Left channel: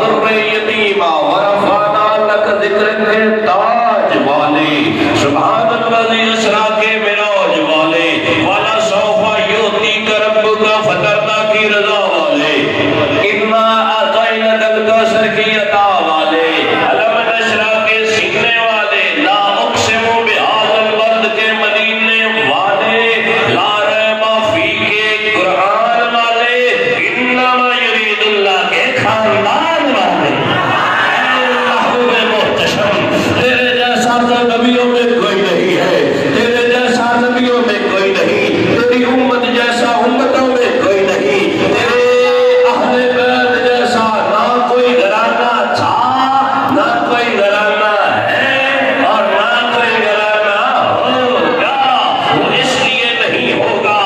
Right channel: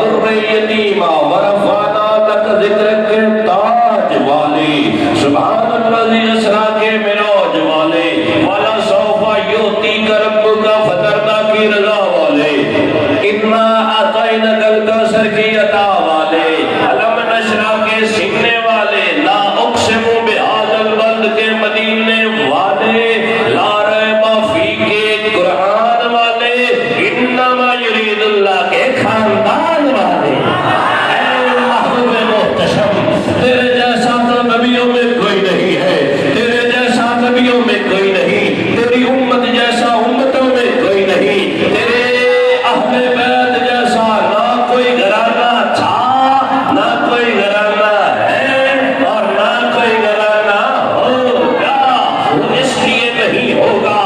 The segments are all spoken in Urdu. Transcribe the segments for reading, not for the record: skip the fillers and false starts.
در یتیما ورفعنا لک ذکرک کے تاج والے، سبحان الذی اسریٰ کے معراج والے، والا سوف یعطیک ربک فترنا کی رضا والے، انا اعطیناک الکوثر کی عطا والے، علم نشرح کے سینے والے، لا اقسم بہذا البلد کے مدینے والے، لا ریب فیہ کے قرآن والے، انما یرید اللہ کے خاندان والے۔ اے محبوب محتشم، تیرے جیسا تو نبیوں میں کوئی نہیں ہے، تیرے جیسا نبیوں میں کوئی نہیں، تیری امت جیسا امتوں میں کوئی نہیں، تیرے اہل بیت جیسا نہ کوئی گھرانہ تھا، نہ کوئی گھرانہ ہے، اور نہ کوئی گھرانہ ہوگا، اس لیے نہیں ہوگا۔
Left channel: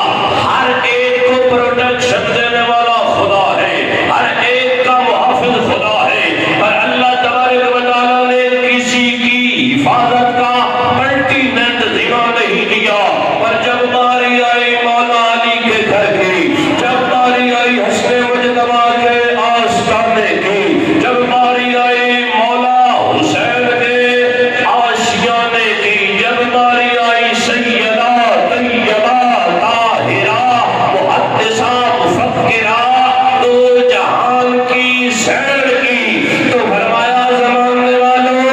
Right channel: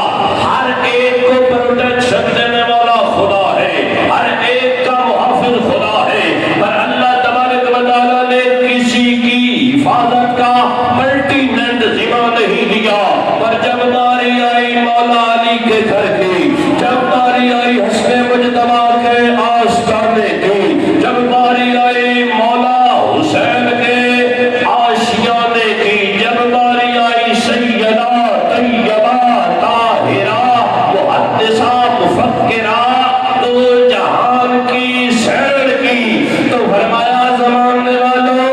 ہر ایک کو پروٹیکشن دینے والا خدا ہے، ہر ایک کا محافظ خدا ہے، پر اللہ تبارک و تعالیٰ نے کسی کی حفاظت کا پرٹیننٹ ذمہ نہیں دیا، پر جب باری آئی مولا علی کے گھر کی، جب باری آئی حسن مجتبی کے آستانے کی، جب باری آئی مولا حسین کے آشیانے کی، جب باری آئی سیدہ طیبہ طاہرہ محدثہ مفکرہ دو جہان کی سیر کی، تو فرمایا زمانے والوں،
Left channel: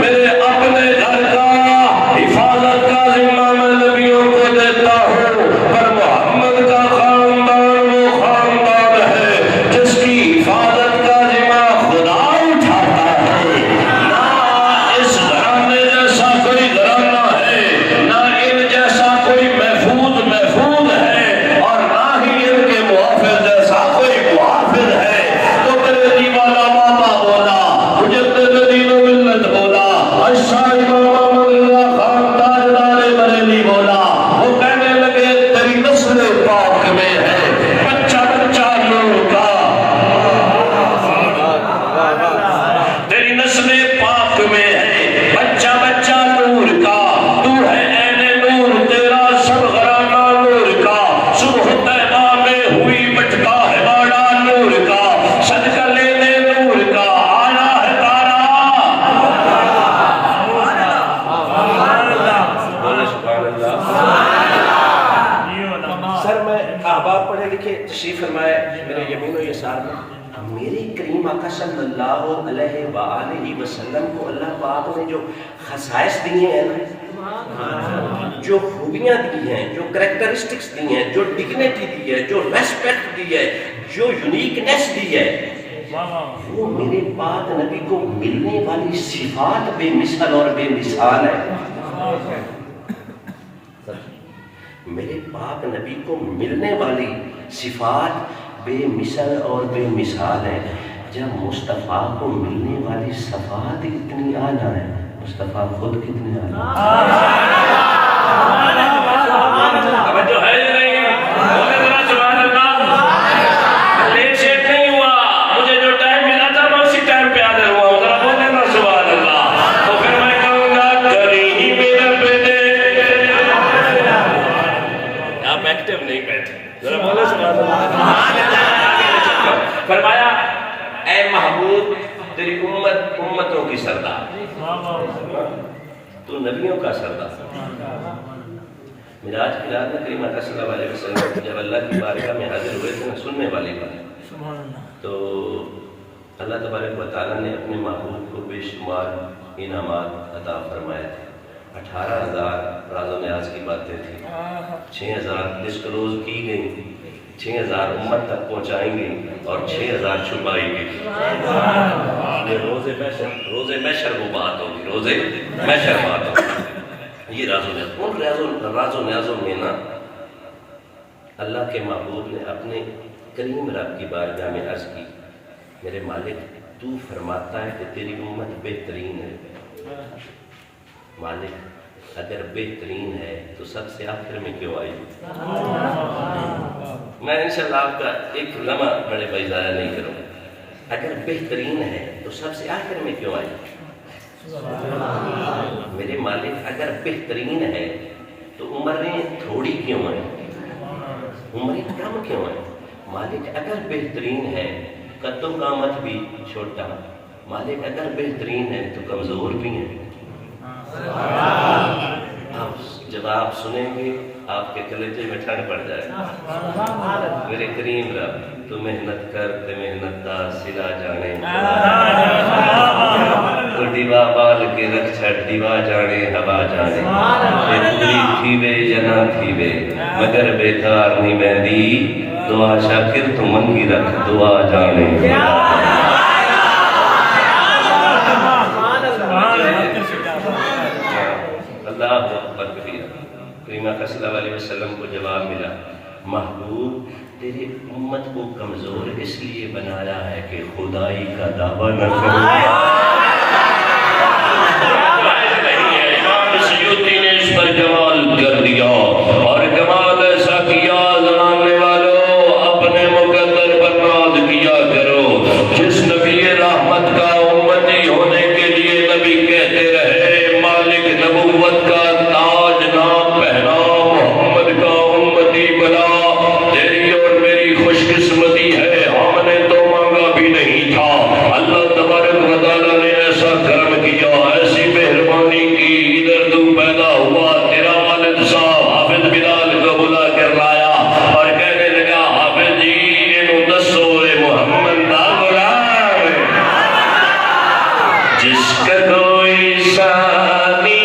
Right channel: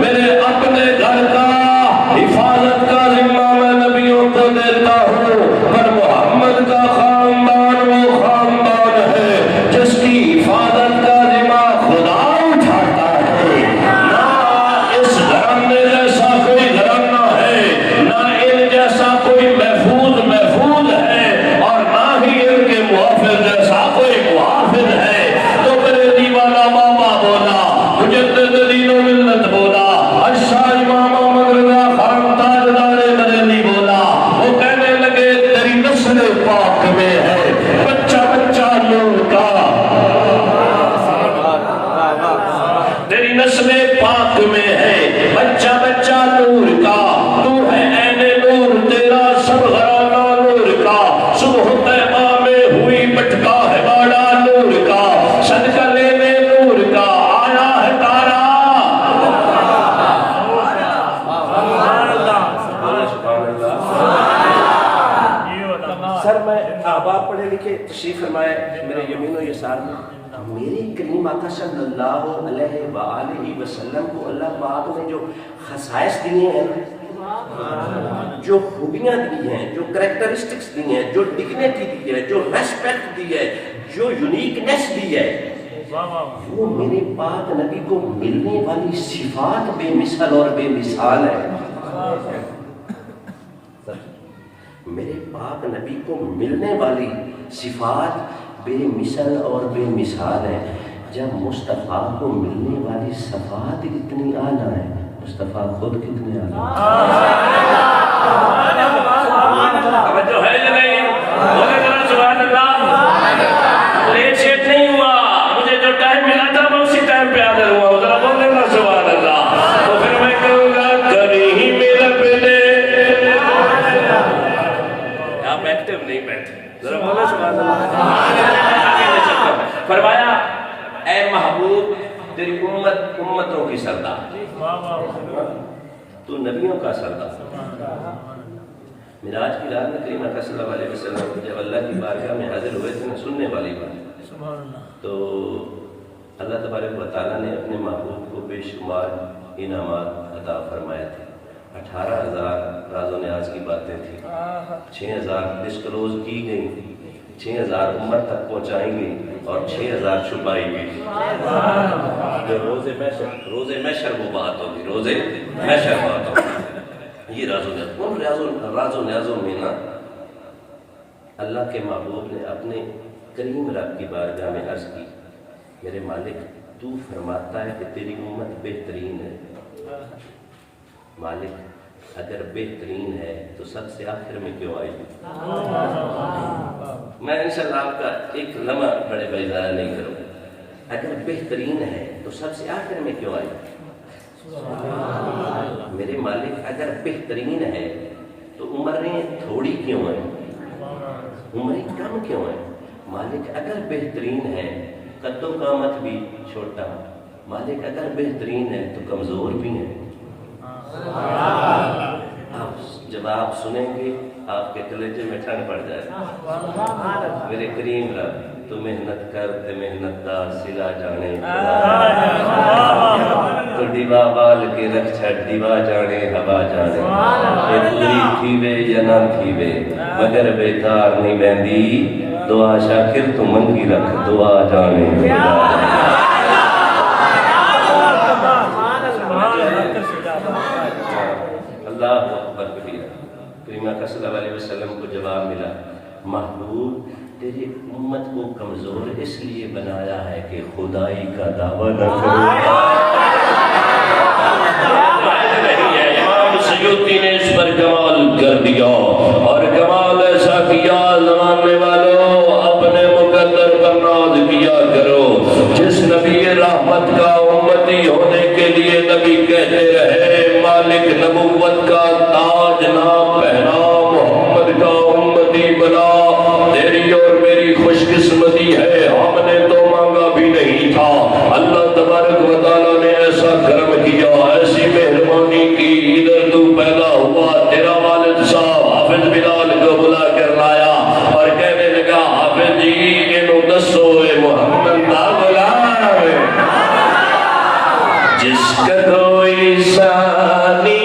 میرے اپنے گھر کا حفاظت کا ذمہ میں نبیوں کو دیتا ہوں، پر محمد کا خاندان وہ خاندان ہے جس کی حفاظت کا ذمہ خدا اٹھاتا ہے۔ نہ اس گھرانے جیسا کوئی گھرانہ ہے، نہ ان جیسا کوئی محفوظ ہے، اور نہ ہی ان کے محافظ جیسا کوئی محافظ ہے۔ تو میرے دیوانہ بابا بولا، مجدد دین و ملت بولا، اشاہ امام احمد رضا خان تاجدار بریلی بولا، وہ کہنے لگے تیری نسل پاک میں ہے بچہ بچہ نور کا، تیری نسل پاک میں ہے بچہ بچہ نور کا، تو ہے عین نور، تیرا سب گھرانہ نور کا، صبح طیبہ میں ہوئی بٹتا ہے باڑا نور کا، صدقہ لینے نور کا، آیا ہے تارا۔ سر میں احباب پڑھے لکھے تشریف فرمائے میرے یمین و یسار میں، میرے کریم آقا صلی اللہ علیہ وآلہ وسلم کو اللہ پاک نے جو خصائص دیے ہیں، جو خوبیاں دی ہیں، جو کریکٹرسٹکس دی ہیں، جو ڈگنیٹی دی ہے، جو ریسپیکٹ دی ہے، جو یونیکنیس دی ہے، وہ میرے پاک نبی کو ملنے والی صفات بے مثل اور بے مثال ہے۔ میرے پاک نبی کو ملنے والی صفات بے مثل اور بے مثال ہے۔ جب مصطفیٰ کو ملنے والی صفات اتنی اعلیٰ ہے، مصطفیٰ خود کتنے اعلیٰ توجہ ہے یا نہیں؟ سبحان اللہ، لیٹ شیٹ نہیں ہوا، مجھے جو ٹائم ملا تھا میں اسی ٹائم پہ حاضر ہوا ہوں، ذرا بولے نا سبحان اللہ۔ تو پھر میں کہوں گا کریم رب نے، آپ ایکٹیو نہیں بیٹھے، ذرا بولے سبحان اللہ۔ فرمایا اے محبوب تیری امت امتوں کی سردار، تو نبیوں کا سردار۔ معراج کی رات میں کریم آقا صلی اللہ علیہ وسلم جب اللہ کی بارگاہ میں حاضر ہوئے تھے، سننے والی بات، تو اللہ تبارک و تعالیٰ نے اپنے محبوب کو بے شمار انعامات عطا فرمائے تھے۔ 18,000 راز و نیاز کی باتیں تھیں، 6,000 ڈسکلوز کی گئیں، 6,000 امت تک پہنچائیں گے اور 6,000 چھپائی گئی۔ روز محشر وہ بات ہوگی، روز محشر بات ہوگی۔ یہ راز و نیاز، ان راز و نیازوں میں نا اللہ کے محبوب نے اپنے کریم رب کی بارگاہ میں عرض کی، میرے مالک تو فرماتا ہے کہ تیری امت بہترین ہے، مالک اگر بہترین ہے تو سب سے آخر میں کیوں آئی؟ میں انشاءاللہ آپ کا ایک لمحہ بڑے بھائی ضائع نہیں کروں، اگر بہترین ہے تو سب سے آخر میں کیوں آئی؟ میرے مالک اگر بہترین ہے تو عمریں تھوڑی کیوں ہیں، عمریں کم کیوں ہیں؟ مالک اگر بہترین ہے قدو قامت بھی چھوٹا، مالک اگر بہترین ہے تو کمزور بھی ہیں۔ آپ جب آپ سنیں گے آپ کے کلیجے میں ٹھنڈ پڑ جائے۔ میرے کریم رب تو محنت کر تے محنت دا سلا جانے، تو ڈیوا بال کے رکھ چھڑ دیوا جانے ہوا جانے، پوری تھیوے یا نہ تھیوے مگر بیکار نہیں بہندی، دعا شاکر تو منگی رکھ دعا جانے۔ اللہ اکبر کبیرہ۔ کریم آقا صلی اللہ علیہ وسلم کو جواب ملا، محبوب تیری امت کو کمزور اس لیے بنایا ہے کہ خدائی کا دعویٰ نہ کرو۔ امام سیوطی نے اس پر کمال کر دیا، اور کمال ایسا کیا زمانے والوں اپنے مقدر پر ناز کیا کرو۔ جس نبی رحمت کا امتی ہونے کے لیے نبی کہتے رہے مالک نبوت کا تاج نہ پہنا، محمد کا امتی بنا، تیری اور میری خوش قسمتی ہے، ہم نے تو مانگا بھی نہیں تھا، اللہ تبارک و تعالیٰ نے ایسا کرم کیا، ایسی مہربانی کی، ادھر تو پیدا ہوا، تیرا والد صاحب حافظ بلال کو بلا کر لایا اور کہنے لگا حافظ جی انہوں دسو اے محمد دا غلام جس کا کوئی ثانی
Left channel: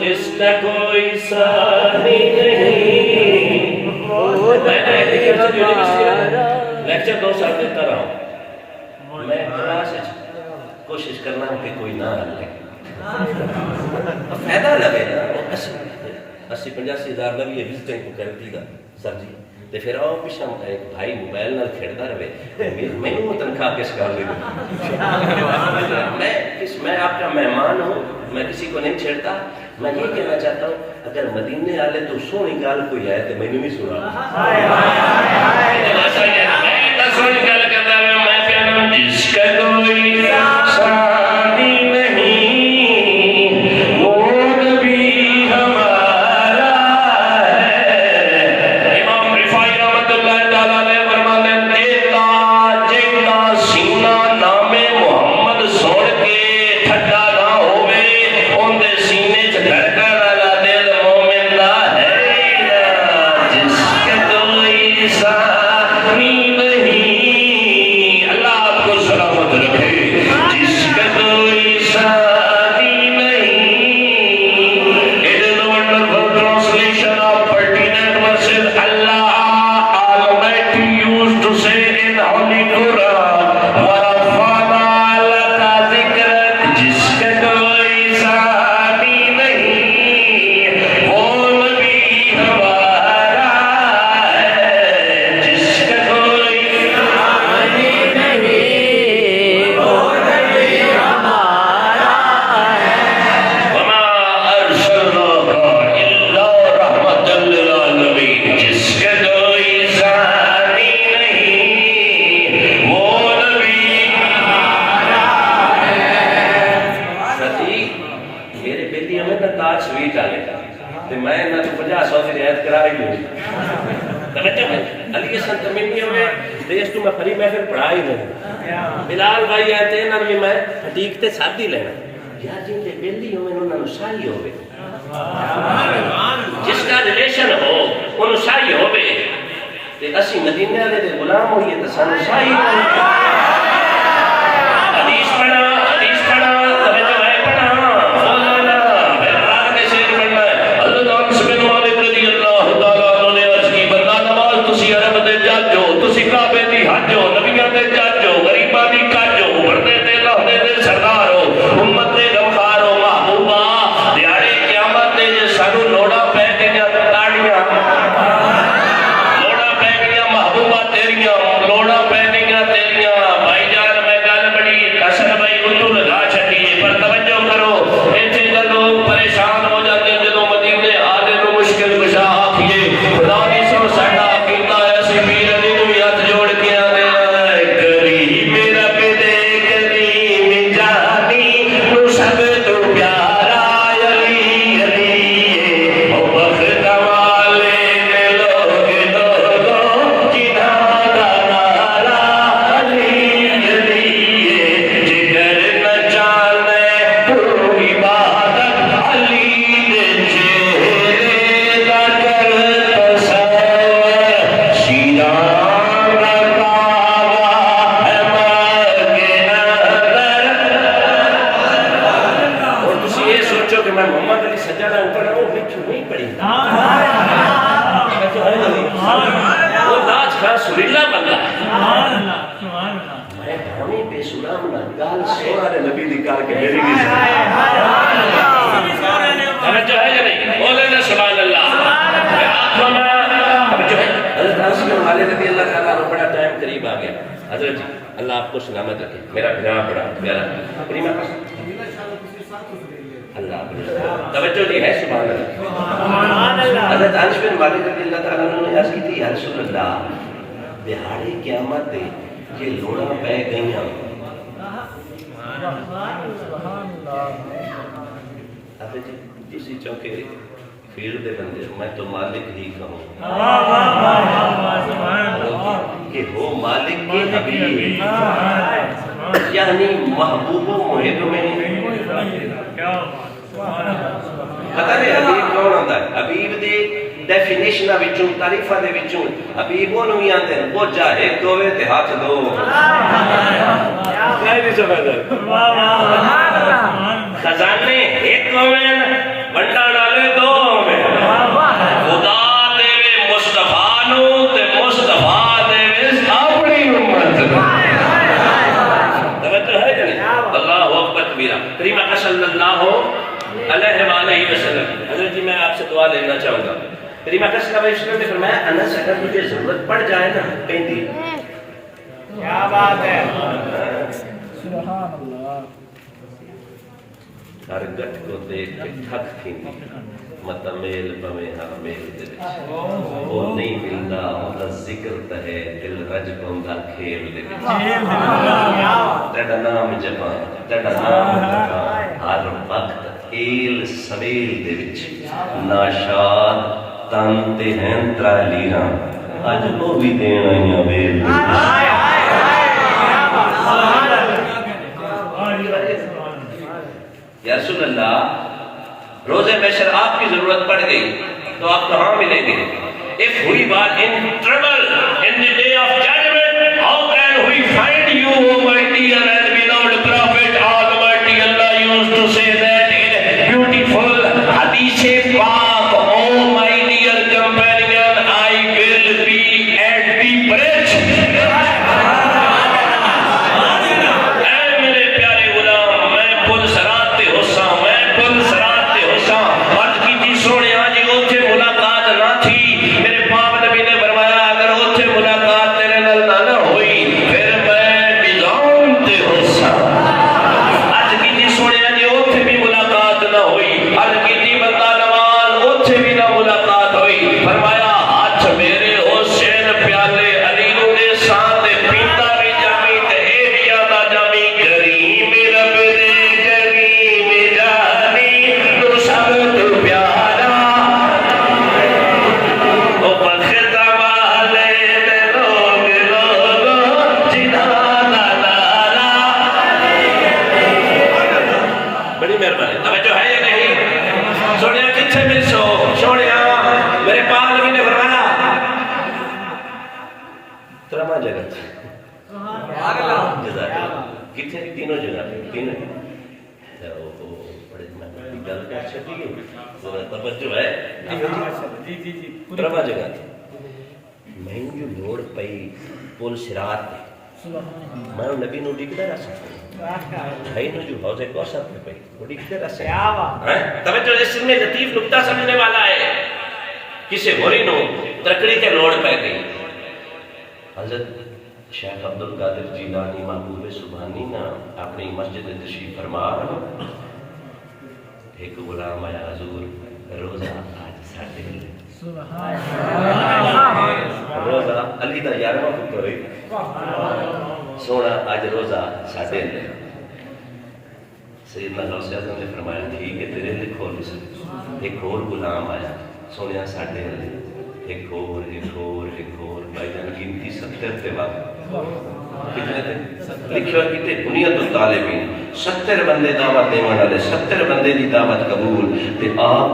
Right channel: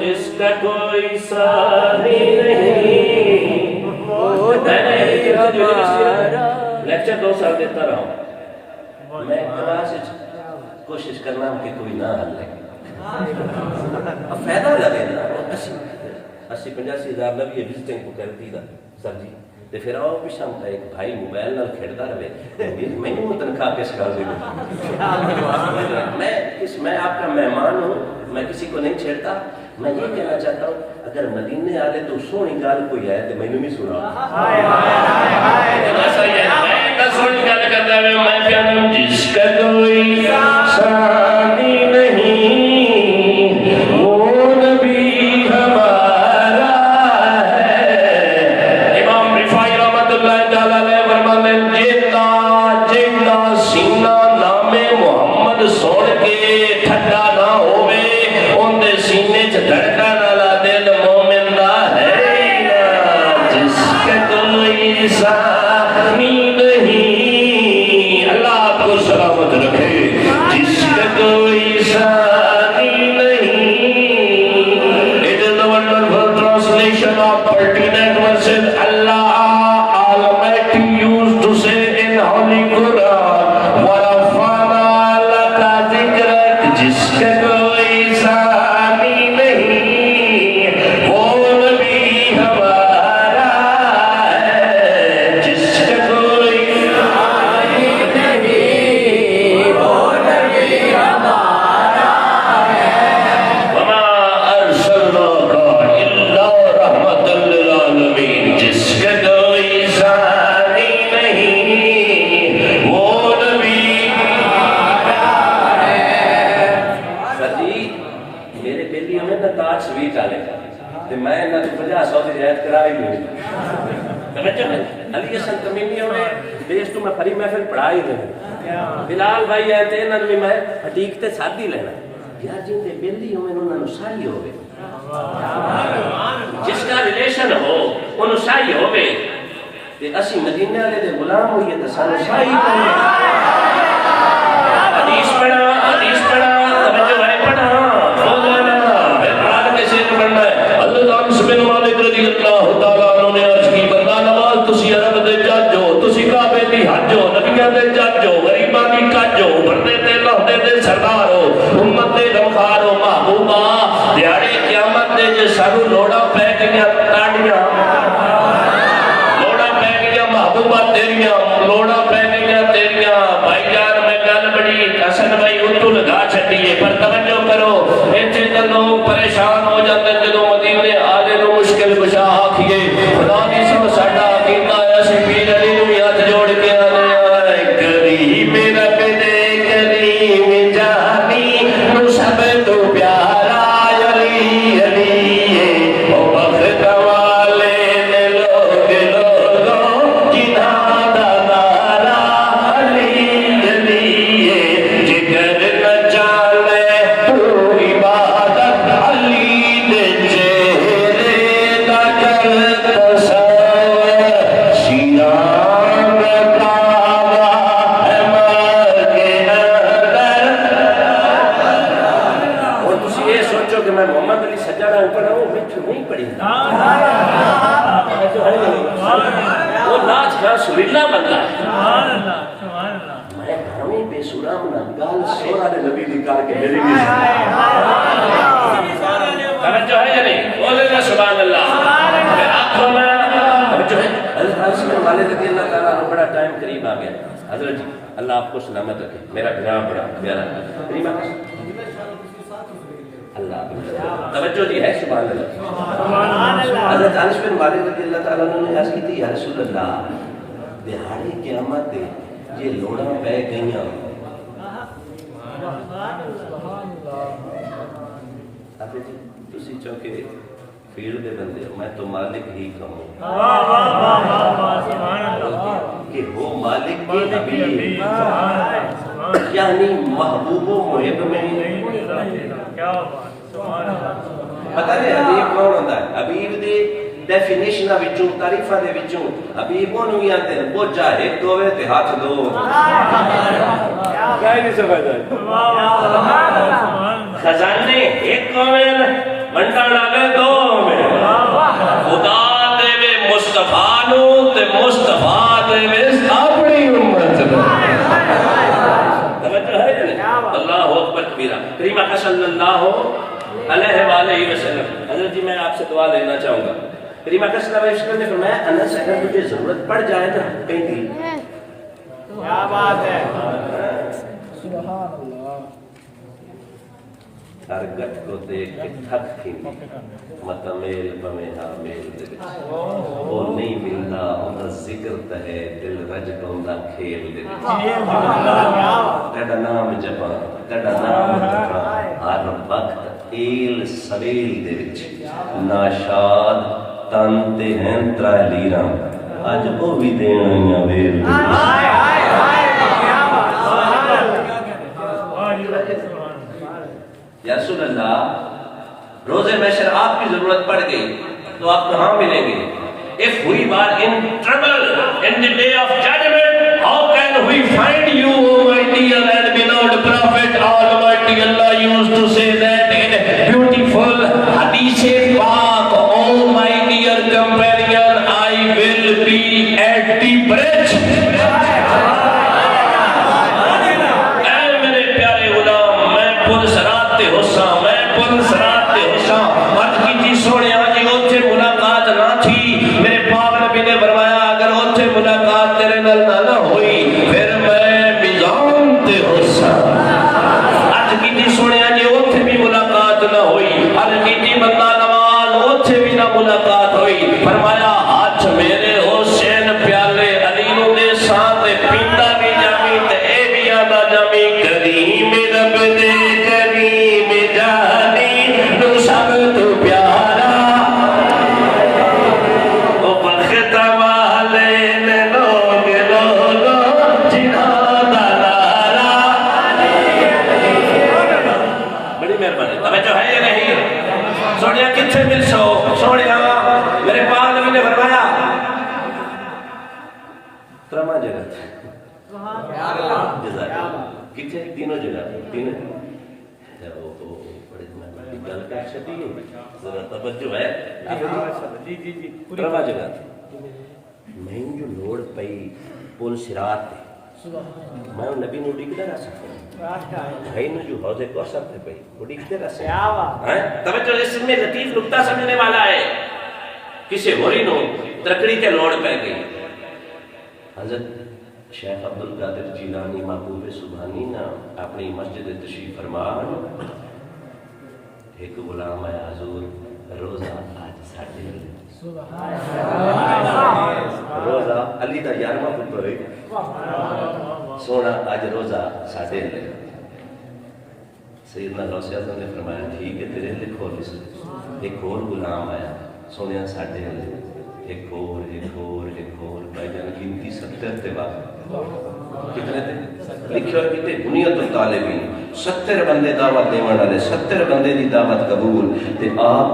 جس کا کوئی ثانی نہیں۔ میں لیکچر 2 سال دیتا رہا ہوں، میں کلاس کوشش کرنا کہ کوئی نہ حل لگے، فائدہ لگے نا، 80-85 ہزار لگی وزٹنگ کو کر دی گا سر جی، تے پھر آؤ پیچھا ایک بھائی موبائل نال کھیلتا رہے، میں تنخواہ کس کر دے میں آپ کا مہمان ہوں، میں کسی کو نہیں چھیڑتا۔ میں یہ کہنا چاہتا ہوں اگر مدینے والے تو سونی گال کوئی ہے تو میں نے بھی سنا، جس کا کوئی ثانی نہیں وہ نبی ہمارا ہے۔ امام رفاعی رحمۃ اللہ تعالیٰ نے فرماتے جیتا سینہ نام محمد سوڑ کے ٹھڈا نہ ہوئے، ان دے سینے چ دھڑکن والا دل مومن دا ہے نا، جس کا کوئی ثانی نہیں، اللہ آپ کو سلامت رکھے، جس کا کوئی ثانی نہیں۔ It is the wonderful translation of pertinent verses Allah Almighty used to say in Holy Quran, وَرَفَعْنَا لَكَ ذِكْرَكَ، جس کا کوئی ثانی نہیں وہ نبی ہمارا ہے، جس کا کوئی ثانی نہیں وہ نبی ہمارا ہے۔ وَمَا أَرْسَلْنَاكَ إِلَّا رَحْمَةً لِلْعَالَمِينَ، جس ہوئی علی حسن تمیمی ہوئے دیش تو میں پری محفل پڑھا ہی رہا بلال بھائی آئے تھے انہوں نے میں حدیق تے ساتھ ہی لینا یار جن دے بیلی ہوئے انہوں نے شاہی ہوئے جس کا ریلیشن ہو انہوں شاہی ہوئے کہ اسی مدینہ والے دے غلام ہوئیے تو سانو شاہی حدیث پڑھا توجہ ہے پڑھا مولانا اقبال کے شعر پڑھنا ہے اللہ تعالی سبحانہ مالک رضی اللہ تعالیٰ عنہ نے عرض کی بندہ نماز تسی عرب دے جج ہو تسی کعبے دی حج ہو نبیاں دے جج ہو غریباں دی کج ہو بردے تے لہدے دے سردار ہو امت دے غمخار ہو محبوبہ دیہاڑے قیامت دے جے سانو لوڑا پے گئیاں تاڑیاں لوڑا پے گئیاں محبوبہ تیریاں لوڑا پے گئیاں تیریاں بھائی جان میں گل بڑی حسن بھائی اردو لگا چھڈیے پر توجہ کرو ایتھے تے لوگ پریشان ہو جاتے جدوں مدینے آگے تو مشکل کشا آکھیے خدا کی سب ساڈا عقیدہ ایسی پیر علی نو ہاتھ جوڑ کے آنے کبھی میرا بدے کریم جانی نو سب تو پیارا علی علی او بخت والے نے لوگ لوگوں جنہاں دا نعرہ علی علی جگر نہ چالے تو عبادت علی دے چہرے دا کر تصور شیران دا کعبہ ہے مگے اور تسی یہ سوچو کہ میں محمد علی سجادہ اوپر ہوں بچ نہیں پڑی وہ لاج کا سریلا بندہ ہے میں ہمیں بے سرام نگال سورہ نبی دکھا کے میری بھی توجہ ہے یا نہیں بولے نا سبحان اللہ آنکھوں میں توجہ ہے حضرت انس بن مالک رضی اللہ تعالیٰ عنہ بڑا ٹائم قریب آ گیا حضرت جی اللہ آپ کو سلامت رکھے میرا بڑا پیارا کریمہ اللہ توجہ دی ہے سبحان اللہ حضرت انس بن مالک رضی اللہ تعالیٰ عنہ نے عرض کی تھی یا رسول اللہ دہاڑے قیامت دے یہ لوڑا پہ گئیاں ابھی جی اسی چونکہ فیلڈ دے بندے میں تو مالک ہی کہوں کہ ہو مالک کے حبیب یعنی محبوب و محب میں پتہ نہیں حبیب کون ہوتا ہے حبیب دے ڈیفینیشن وچوں تعریفاں دے وچوں حبیب نوں ہی آندے ہیں وہ چاہے دووے تے ہاتھ دو کہیں نہیں سمجھدا خزانے ایک ہوئے بنڈا ڈالے دو ہوئے خدا دے وے مصطفیٰ نو تے مصطفیٰ دے وے اپنی امت توجہ ہے یا نہیں اللہ اکبر کبیرہ کریمہ صلی اللہ علیہ وآلہ وسلم حضرت جی میں آپ سے دعا لینا چاہوں گا کریمہ صلی اللہ علیہ وسلم نے فرمایا انس اگر مجھے ضرورت پڑ جائے نا کہیں دی کیا بات ہے سبحان اللہ ہر گٹ کو دیکھ کے تھک تھی متا میل بمیں ہر میل دے وہ نہیں ملدا ہوتا ذکر تہے دل رج پوندا کھیل دے تیرا نام جپاں تیرا نام جپاں ہر وقت ایل سویل دے وچ ناشاد تن تے ہیں ترالیراں اج وہ بھی دین آئیاں ویل یا رسول اللہ روز محشر آپ کی ضرورت پڑ گئی تو آپ کہاں ملیں گے if we were in trouble in the day of judgment how can we find you O my dear and beloved prophet almighty Allah used to say that in beautiful hadith paak oh my dear companion I will be at the bridge ترواں جگہ کتنے تینوں جگہ تین گل کر چکی توجہ ہے ترواں جگہ میں جو لوڑ پئی پل صراط تے میں نبی نو ڈگدا رہا سکتا بھائی نو جو حوض کوثر پہ پئی وہ ڈگدا رہا سکتا توجہ اس میں لطیف نکتہ سمجھنے والا ہے کسی ہوری نو ترکڑی کے لوڑ پہ گئی حضرت شیخ عبدالقادر جیلانی محبوب سبحانی نا اپنی مسجد تشریف فرما ایک غلام آیا حضور روزہ آج ساڑھے روزہ علی دا 11واں پتر ہے سونا آج روزہ ساڑھے سیدنا غوث اعظم نے فرمایا ٹھیک ہے تیرے لیے کھول ایک اور غلام آیا سونیا ساڑھے ایک اور بھائی جان گنتی 70 تے وقت کتنے تھے لکھو کتنے بنیت الطالبین 70 بندے دعوت دینے والے 70 بندے دی دعوت قبول تے آپ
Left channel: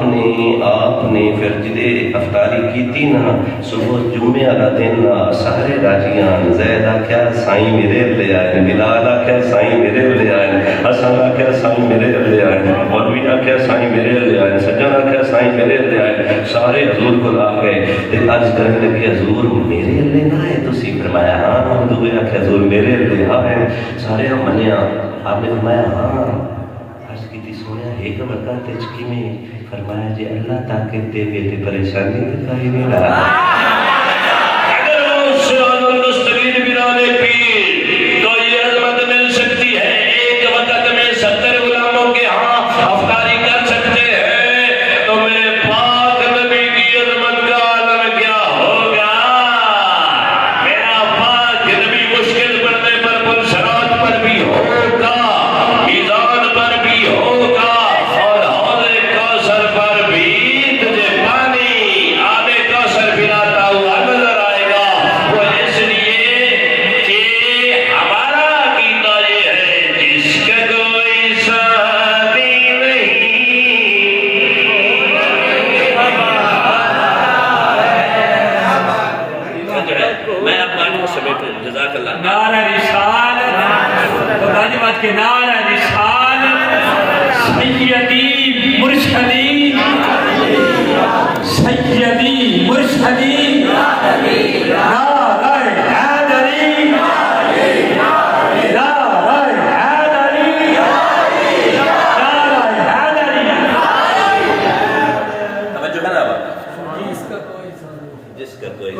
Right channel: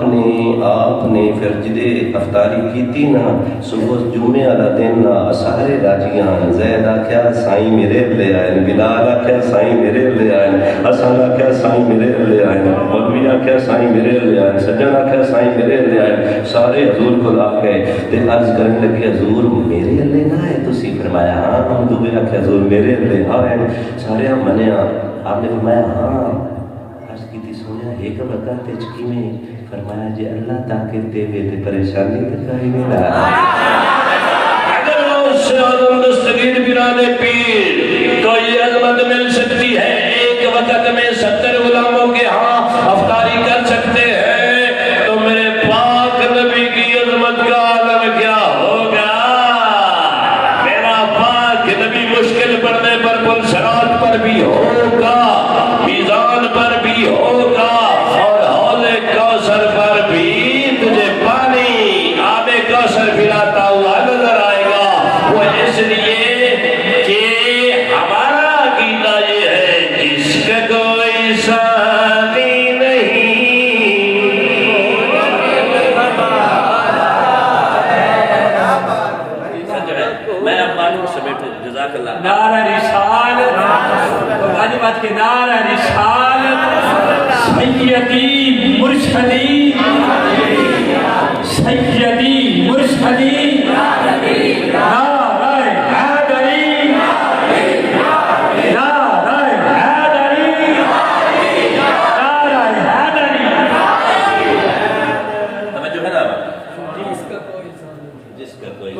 نے پھر جدے افطاری کیتی نا صبح جمعے والا دن نا سارے راجیاں زید آکھیا سائیں میرے لے آئے بلال آکھیا سائیں میرے لے آئے حسن آکھیا سائیں میرے لے آئے مولوی آکھیا سائیں میرے لے آئے سجن آکھیا سائیں میرے لے آئے سارے حضور کو آ گئے تے عرض کرنے لگے حضور میرے لے نہ آئے تو سی فرمایا ہاں ہم دوے آکھیا حضور میرے لے آئے سارے ہم منیا آپ نے فرمایا ہاں عرض کی تھی سونے ایک وقت تجکی میں فرمایا جی اللہ طاقت دے گئے تے پریشانی بتائی نہیں رہا اگر وہ اس سے آدم دستگیر بنانے پیر تو یہ عظمت مل سکتی ہے ایک وقت میں 70 غلاموں کے ہاں افطاری کر سکتے ہیں تو میرے پاک نبی کی عظمت کا عالم کیا ہوگا میرا پاک نبی مشکل پڑنے پر پل صراط پر بھی ہوگا میزان پر بھی ہوگا اور حوض کوثر پر بھی تجھے پانی آب کوثر پلاتا ہوا نظر آئے گا وہ اس لیے کہ ہمارا عقیدہ یہ ہے جس کا کوئی ساتھی نہیں میں اب معلوم سمیٹوں جزاک اللہ نعرہ رسالت غازی بات کے نعرہ رسالت سیدی مرشدی سیدی مرشدی نعرہ حیدری نعرہ حیدری نعرہ حیدری توجہ ہے نا جس کا کوئی جس کا کوئی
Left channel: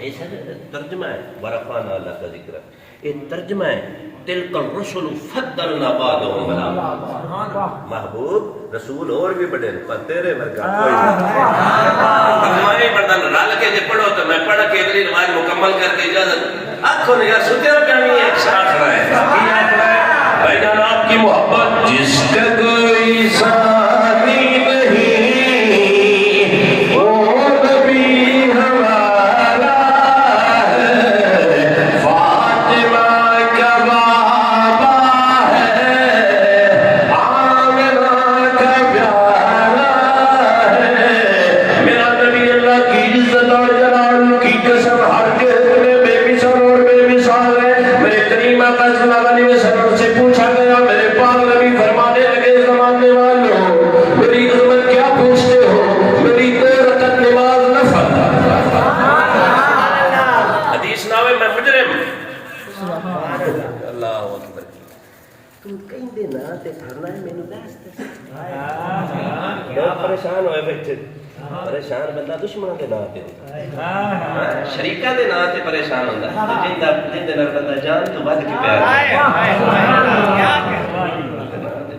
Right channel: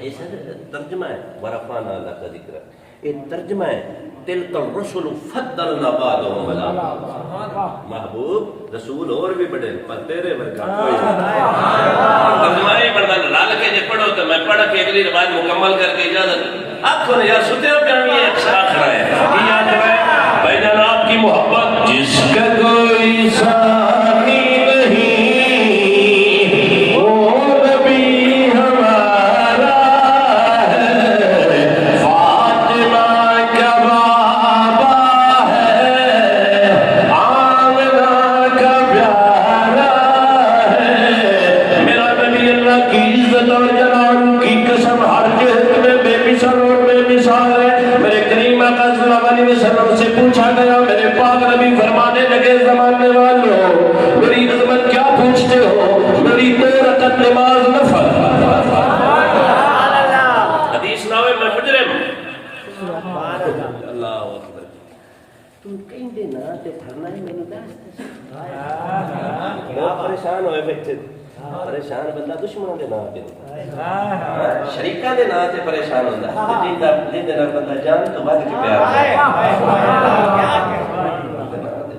ایسا ترجمہ ہے ورفعنا لک ذکرک یہ ترجمہ ہے تلک الرسل فضلنا بعضهم علی بعض محبوب رسول اور بھی بڑے پر تیرے ورگا کوئی نہیں ترجمہ نہیں پڑھتا رل کے جب پڑھو تو میں پڑھ کے اگلی نماز مکمل کر کے اجازت آنکھوں نے یار ستے ہو کیا نہیں ایک ساتھ کھڑا ہے بھائی جان آپ کی محبت جس کا کوئی ساتھی پریشان ہوئے بیٹھے پریشان بندہ دشمنوں دے نام تے شریکاں دے نام تے پریشان ہوندا جن دے نال بندہ جان تو ود کے پیار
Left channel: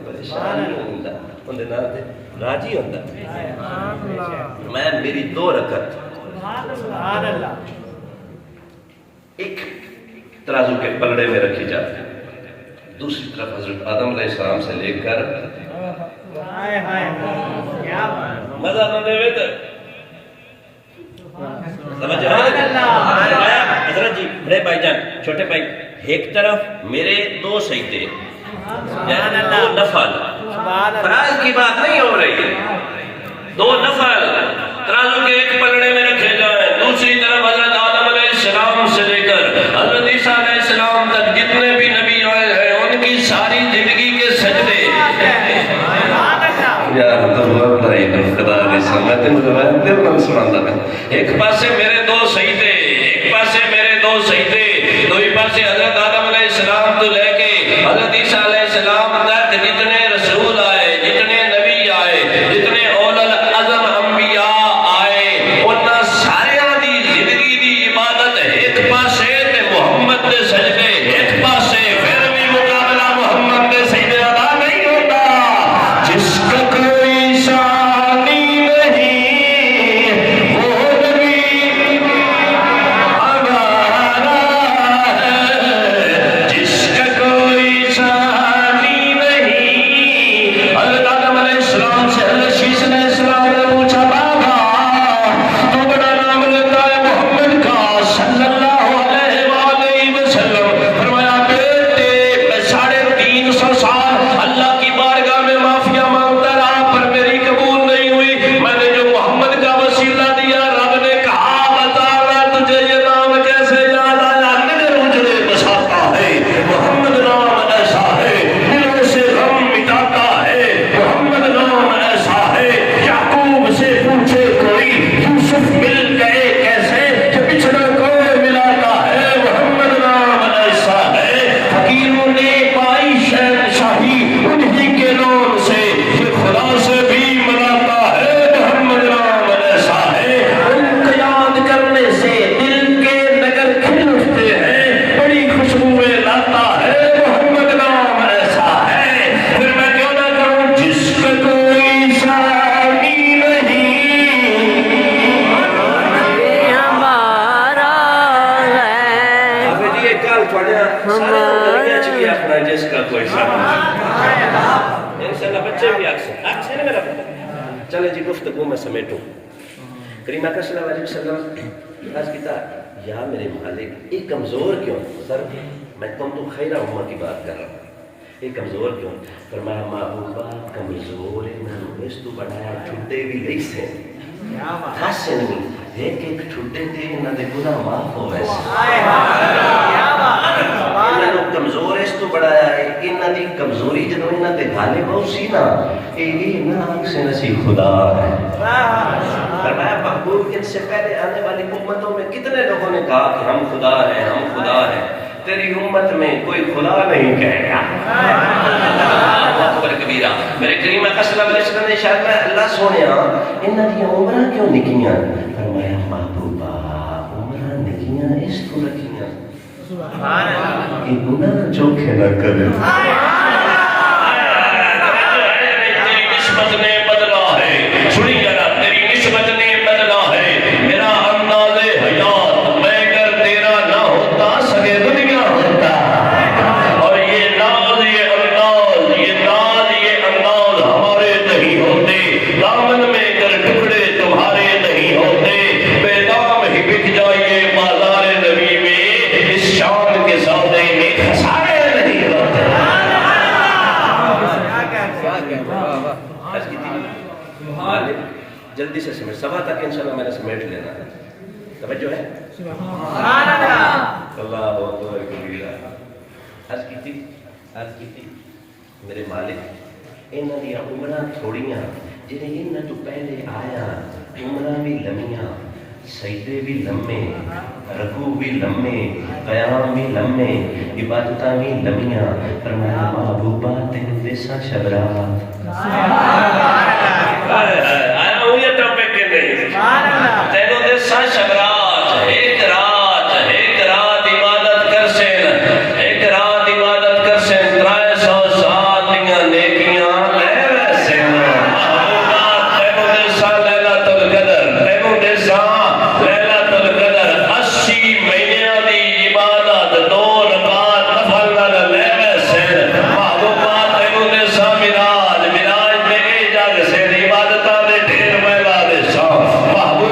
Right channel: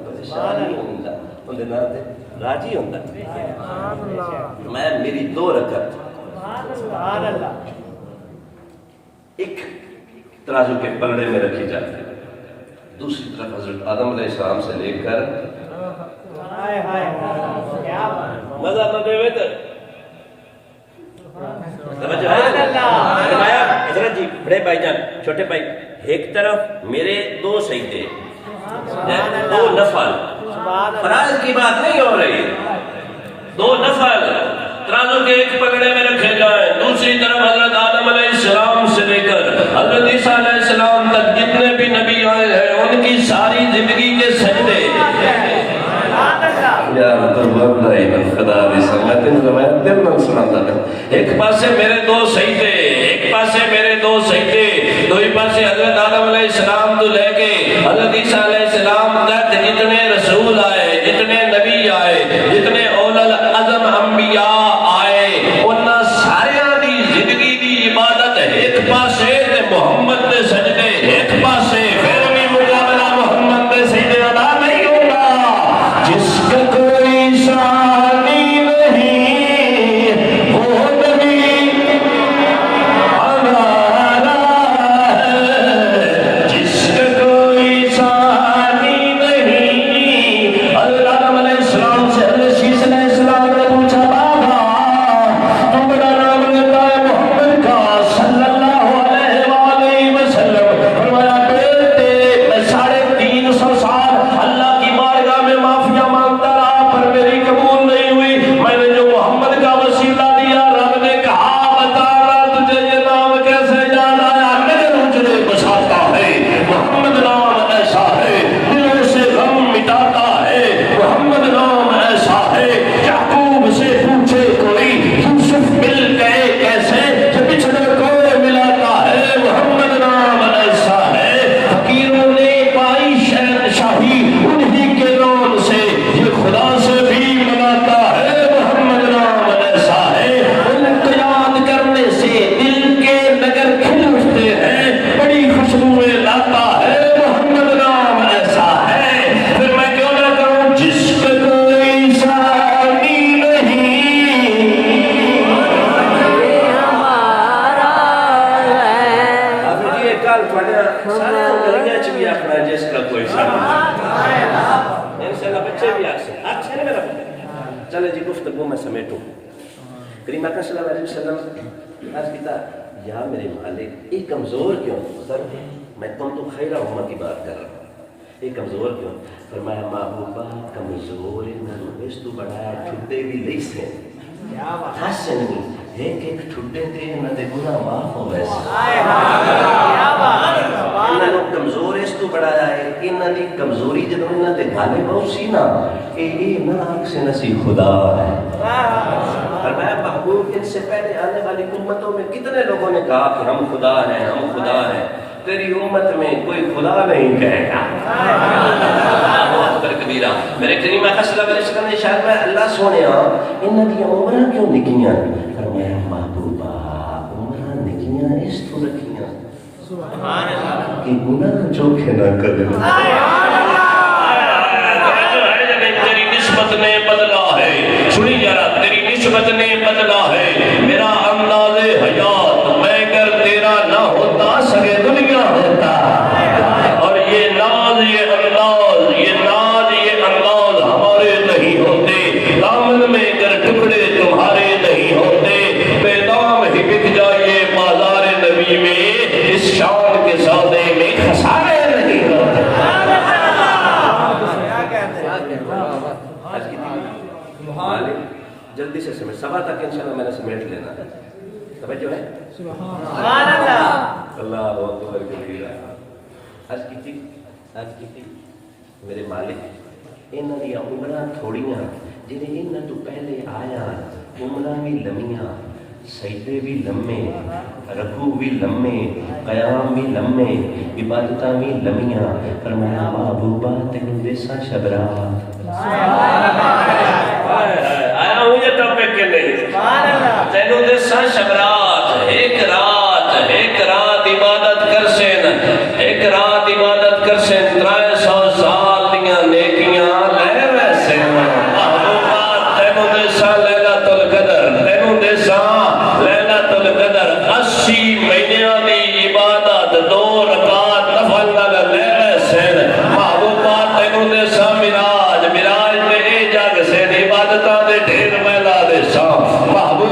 پریشان ہوندا اون دے نام تے راضی ہوندا میں میری 2 رکعت سبحان اللہ ایک ترازو کے پلڑے میں رکھی جاتی ہے دوسری طرف حضرت آدم علیہ السلام سے لے کر مزہ نہ دے وے سمجھ آیا حضرت جی بڑے بھائی جان چھوٹے بھائی ایک طرف میرے 2 سجدے 2 نفل فرائض کی بات نہیں ہو رہی ہے 2 نفل ترازو کے ایک پلڑے میں رکھے جائیں دوسری طرف حضرت آدم علیہ السلام خدا دی سمت روایت دل نال سناتا ہے. ایک پاسے میرے دو سجدے، ایک پاسے میرے دو سجدے، دوئی پاسے حضرت آدم علیہ السلام تو لے کے حضرت عیسیٰ علیہ السلام تک جتنے رسول آئے، جتنے نبی آئے، جتنے اول العزم انبیاء آئے، انہاں ساریاں دی زندگی دی عبادت ایک پاسے تے محمد دے سجدے ایک پاسے، پھر بھی مقابلہ محمد دے سجدے ادا نہیں ہوتا. جس کا کوئی ثانی نہیں وہ نبی ہمارا ہے، جس کا کوئی ثانی نہیں. حضرت آدم علیہ السلام سے حضرت شیش علیہ السلام نے پوچھا بابا تو بڑا نام لیتا ہے محمد کا صلی اللہ علیہ وآلہ وسلم. فرمایا بیٹے میں 350 سال اللہ کی بارگاہ میں معافیا مانگتا رہا پر میری قبول نہیں ہوئی. میں نے جو محمد کا وسیلہ دیا رب نے کہا بتا میں تجھے یہ نام کیسے یاد آیا. نظر اجڑے بساتا ہے محمد نام ایسا ہے، دلوں سے غم مٹاتا ہے محمد نام ایسا ہے. یعقوب سے پوچھے کوئی یوسف مل گئے کیسے کہ بچھڑا کوئی ملاتا ہے محمد نام ایسا ہے. فقیروں نے پائی شہنشاہی انہی کے نام سے، یہ خدا سے بھی ملاتا ہے محمد نام ایسا ہے. ان کو یاد کرنے سے دل کے نگر کھل اٹھتے ہیں، بڑی خوشبوئیں لاتا ہے محمد نام ایسا ہے. پھر میں کیوں نہ کہوں جس کا کوئی ثانی نہیں ہمارا ہے. ابھی جی ایک کال پڑھا سارے گلیاں چ بھی آخنا جس کا کوئی ثانی نہیں. انشاءاللہ بچے بھی اچھا نہیں میرا بچہ. چلے جی گفتگو میں سمیٹوں. کریم اکرم صلی اللہ علیہ وسلم عرض کیتا یا میرے مالک یہ کمزور کیوں؟ سر میں تم تو خیر امت کی بات کر رہا ہوں، یہ کمزور کیوں؟ فرمایا محبوبہ کمزور انہوں اس تو بڑھایا چھٹے بھی گئی سے خاص نہیں ایک ایک چھٹے تھے انہوں نے گناہ معاف ہو ویسے. انہوں نے کمزور اس تو بڑھایا ہے انہوں نے کمزوری جنہوں انہوں نے گالے بہت سی نا یہ ناک سے نصیب خدا ہے. فرمایا محبوب ان سے پہلے آنے والی امتوں میں کتنے لوگوں نے کہا کہ ہم خدا ہیں ہم خدا ہیں، تیری امت میں کوئی خدا نہیں کہے گا. اللہ اکبر کبیرہ. میرے کریم آقا صلی اللہ علیہ وسلم نے ارشاد فرمایا اللہ سونیا انہاں دی عمراں کیوں نکیاں؟ فرمایا محبوبہ عمراں نکیاں اس تو رکھیاں سبحان اللہ کہ گناہ چوکھے نہ کرے. تیری نسبت نے بدلا ہے، سنی ذرا تیری نسبت نے بدلا ہے. میرا انداز حیات میں گر تیرا نہ ہوتا سگے دنیا ہوتا. اور یہ ناز یہ انداز یہ ناز یہ انداز ہمارے نہیں ہوتے، دامن میں گر ٹکڑے تمہارے نہیں ہوتے. بے دام ہی بک جائیے بازار نبی میں، اس شان کے سودے میں خسارے نہیں ہوتے. جلدی سے سمیٹ صبح تک انشاءاللہ میں نے سمیٹ لینا ہے. توجہ ہے سبحان اللہ اللہ اکبر کبیرہ. عرض کی تھی میرے مالک انہاں دی عمراں تھوڑیاں جنہیں انہاں تو پہلے آیا عمراں بھی لمیاں، سجدے بھی لمے، رکوع بھی لمے، قیام بھی لمے، عبادتاں بھی لمیاں. فرمایا محبوبہ تینوں ویسا شبرات آیا ہوں یہ ٹاپک کے نہیں تینوں ویسا شبرات ایک رات عبادت کر سین، ایک رات عبادت کر سین 300 سال دیاں نیکیاں لے ویسے. محبوبہ تینوں ویسا لیلۃ القدر، تینوں ویسا لیلۃ القدر 80 مہینیاں دی عبادت 2 رکعت نفل نال لے ویسے. محبوبہ تینوں ویسا معراج دے جگ سے عبادتاں دے ڈھیر میلا دے سا. محبوبہ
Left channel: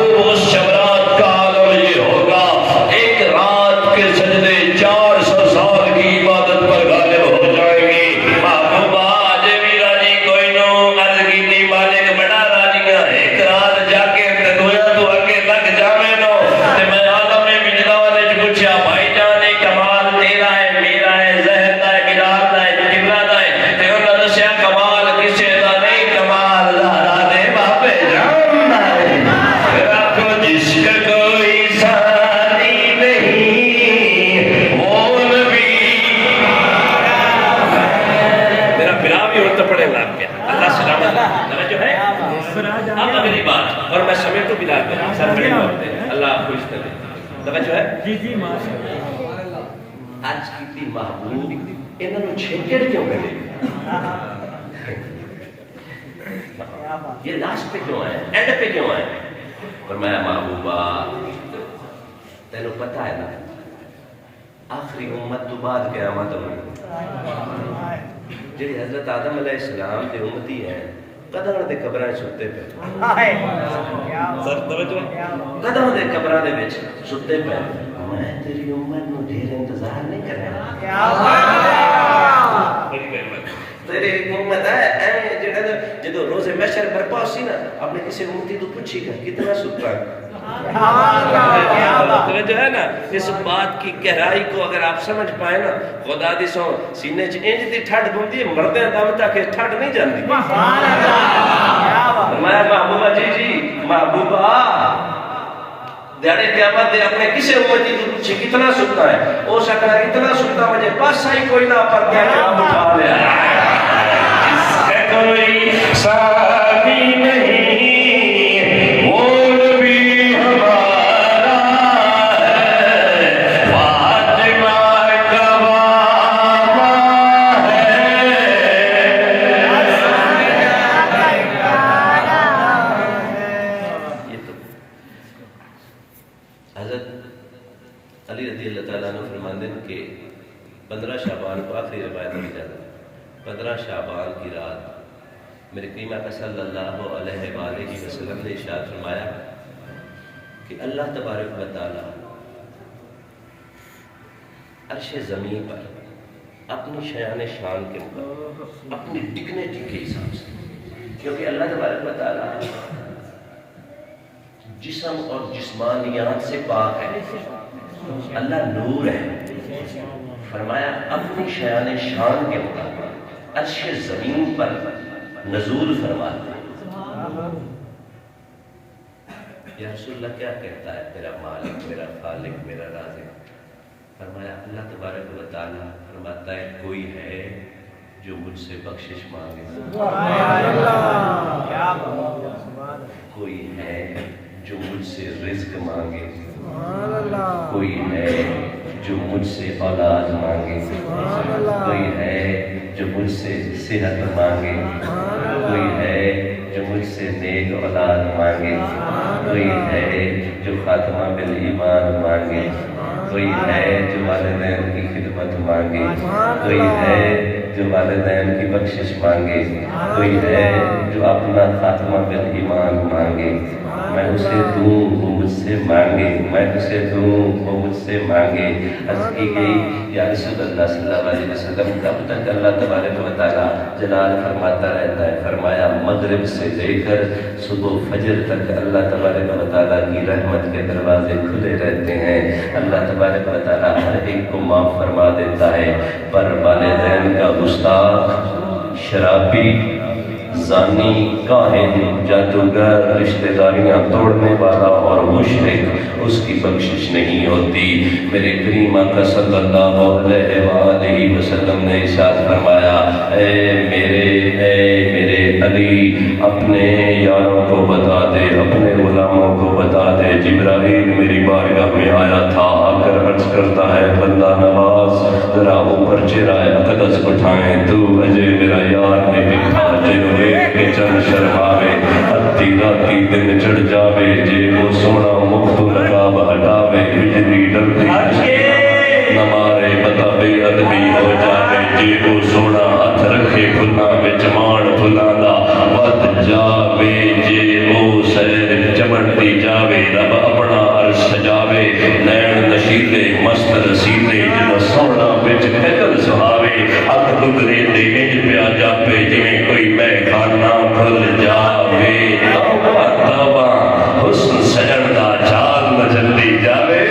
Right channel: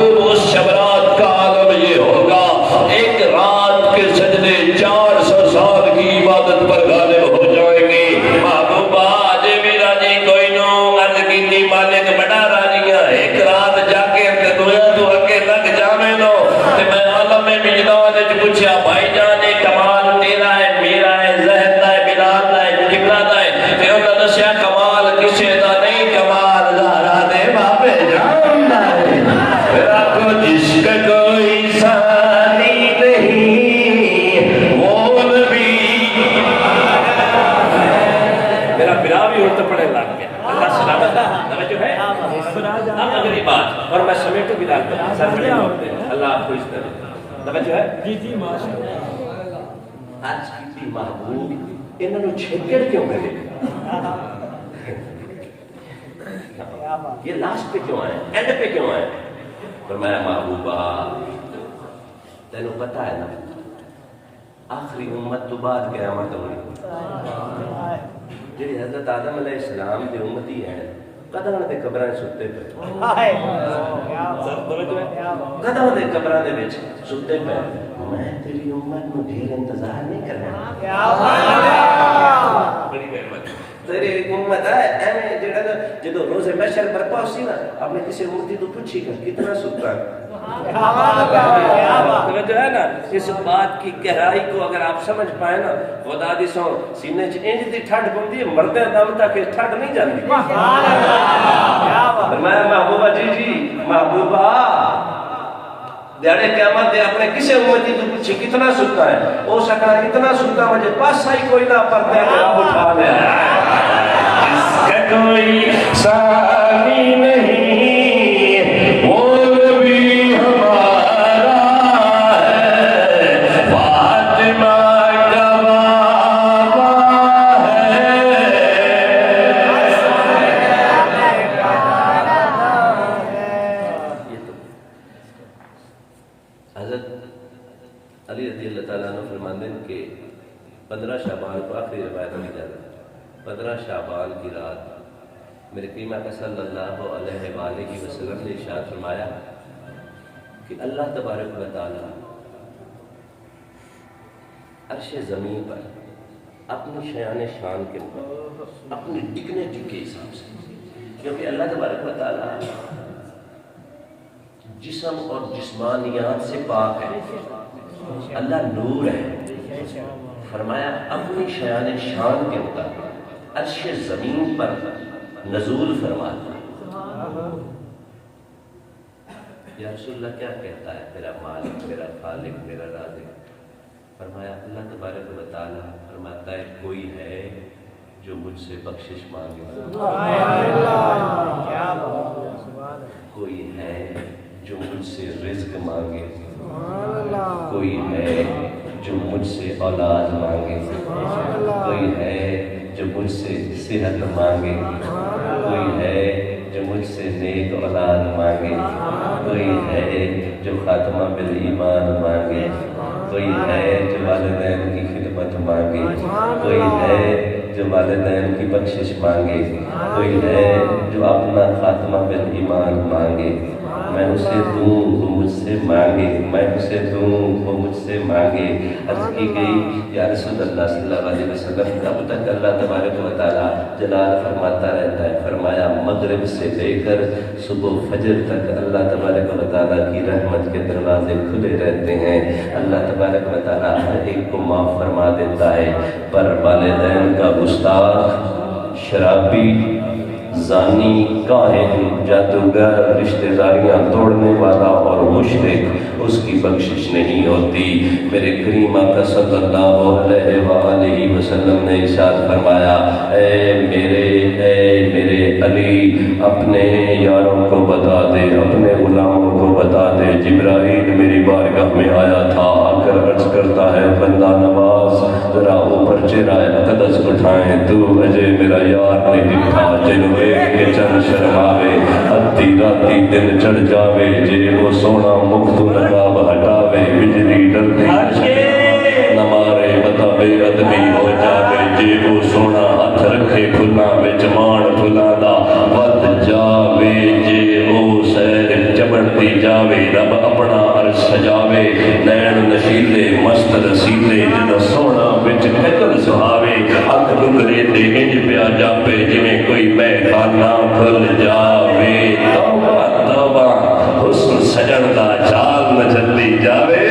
سب کھڑے ہوتے ہیں. اللہ آپ کو اس طرح توجہ ہے. جی جی ماشاء اللہ. آج کی محبوب انہوں نے چھکڑ کیوں کرے؟ یہ لاسٹ پہ کیوں آئے؟ اینڈ پہ کیوں آئے؟ فرمایا محبوبہ تینوں پتہ ہے نا آخری امت تو بعد قیامت ہوئی جی حضرت آدم علیہ السلام کے امتی ہیں قدم دے قبراں ستے پہ قدم دے قبراں دے وچ ستے پہ میں تیری امت نو ڈھیر انتظار نہیں کرنا تیری امت ہے جدو روز محشر برپا سی نا اپنے کسی امتی تو پوچھی گا کتنا ستا جو ہے نا اس بات کی گہرائی کو اگر آپ سمجھ پائے نا خدا دی سو سینے چ انج دی ٹھڈ پوندی ہے مردے دم تک ٹھڈ نہیں جاندی. میں محبوبہ جی محبوبہ دیڑے قیامت دے اپنے کسے امتی تو پوچھے کتنا ستا ہے او سکا اتنا ستا مجھے پاسا ہی کوئی نہ پر کیا آپ اٹھا لیا کوئی سامی نہیں وہ بھی ہمارا ہے فاطمہ کا بابا ہے. یہ تو حضرت علی رضی اللہ تعالیٰ عنہ فرماتے ہیں کہ 15 شعبان کو آخری روایت میں جاتا 15 شعبان کی رات میرے کریم آقا صلی اللہ علیہ وآلہ وسلم نے ارشاد فرمایا کہ اللہ تبارک و تعالیٰ عرش زمین پر اپنی شیان شان کے مقابل اپنی ڈگنیٹی کے حساب سے کیونکہ اللہ تبارک و تعالیٰ جسم اور جسمانیات سے پاک ہے اللہ نور ہے فرمایا اپنی شیان شان کے مطابق عرش زمین پر نزول فرماتا یا رسول اللہ کیا کہتا ہے میرا مالک میرا خالق میرا رازق فرمایا اللہ تبارک و تعالیٰ فرماتا ہے کوئی ہے جو مجھ سے بخشش مانگے کوئی ہے جو مجھ سے رزق مانگے کوئی ہے جو مجھ سے اولاد مانگے کوئی ہے جو مجھ سے صحت مانگے کوئی ہے جو مجھ سے نیک اولاد مانگے کوئی ہے جو خاتمہ بالایمان مانگے کوئی ہے جو والدین کی خدمت مانگے کوئی ہے جو والدین کی بخشش مانگے کوئی ہے جو اپنا خاتمہ بالایمان مانگے میں اسے دوں وہ مجھ سے مانگے میں اسے دوں وہ مجھ سے مانگے. عرض کی گئی یا رسول اللہ صلی اللہ علیہ وسلم کب تک اللہ تبارک و تعالیٰ جلال فرماتا رہتا ہے؟ فرمایا مغرب سے لے کر صبح فجر تک اللہ تبارک و تعالیٰ کی رحمت کے دروازے کھلے رہتے ہیں. اللہ تبارک و تعالیٰ ہر ایک کو معاف فرما دیتا ہے پر والدین کا گستاخ شرابی زانی کاہن جادوگر رشتہ داریاں توڑنے والا اور مشرک اس کی بخشش نہیں ہوتی. میرے کریم آقا صلی اللہ علیہ وآلہ وسلم نے ارشاد فرمایا اے میرے علی اپنے یاروں کو بتا دے اپنے غلاموں کو بتا دے جبرائیل میری بارگاہ میں آیا تھا آ کر عرض کرتا ہے بندہ نواز ذرا اوپر چہرہ اقدس اٹھائیں تو اجے میرا یار نے دکھا جنہوں کے چند شرماوے ادھی راتی دن چڑھ جاوے جے وہ سونا مکتو نقاب ہٹاوے بجلی ڈرتی نہ مارے بتا بے ادبی ہو جاوے جے وہ سونا ہاتھ رکھے کھلا وچ مان کھلا دا ود جاوے جے وہ سیر چمڑتی جاوے رب اپنا عرش سجاوے نین نشیلے مست رسیلے جنا سونا وچ نکل سہاوے اکھ دکرے تے انج پیا جاوے جویں کوئی میں خانہ کھل جاوے توبہ توبہ حسن سجن دا چال نہ جلدی جاوے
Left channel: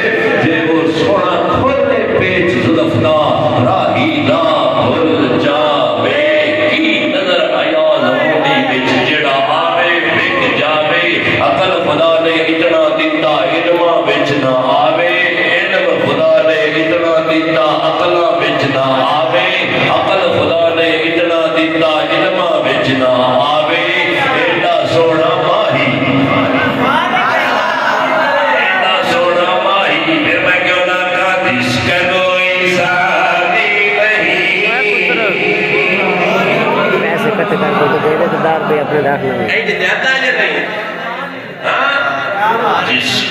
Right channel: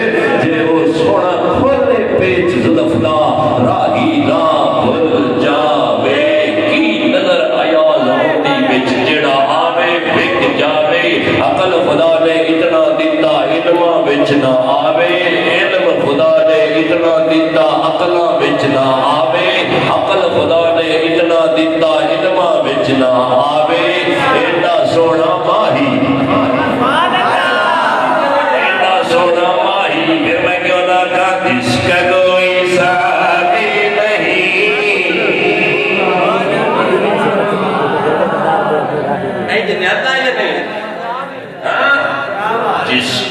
جے وہ سونا کھولے پیچ زلفنا راہی نہ کھل جاوے کی نظر آیا لہوڑی وچ جڑا آوے بک جاوے عقل خدا نے اتنا دیتا علم وچ نہ آوے علم خدا نے اتنا دیتا عقل وچ نہ آوے عقل خدا نے اتنا دیتا علم وچ نہ آوے ایڈا سونا ماہی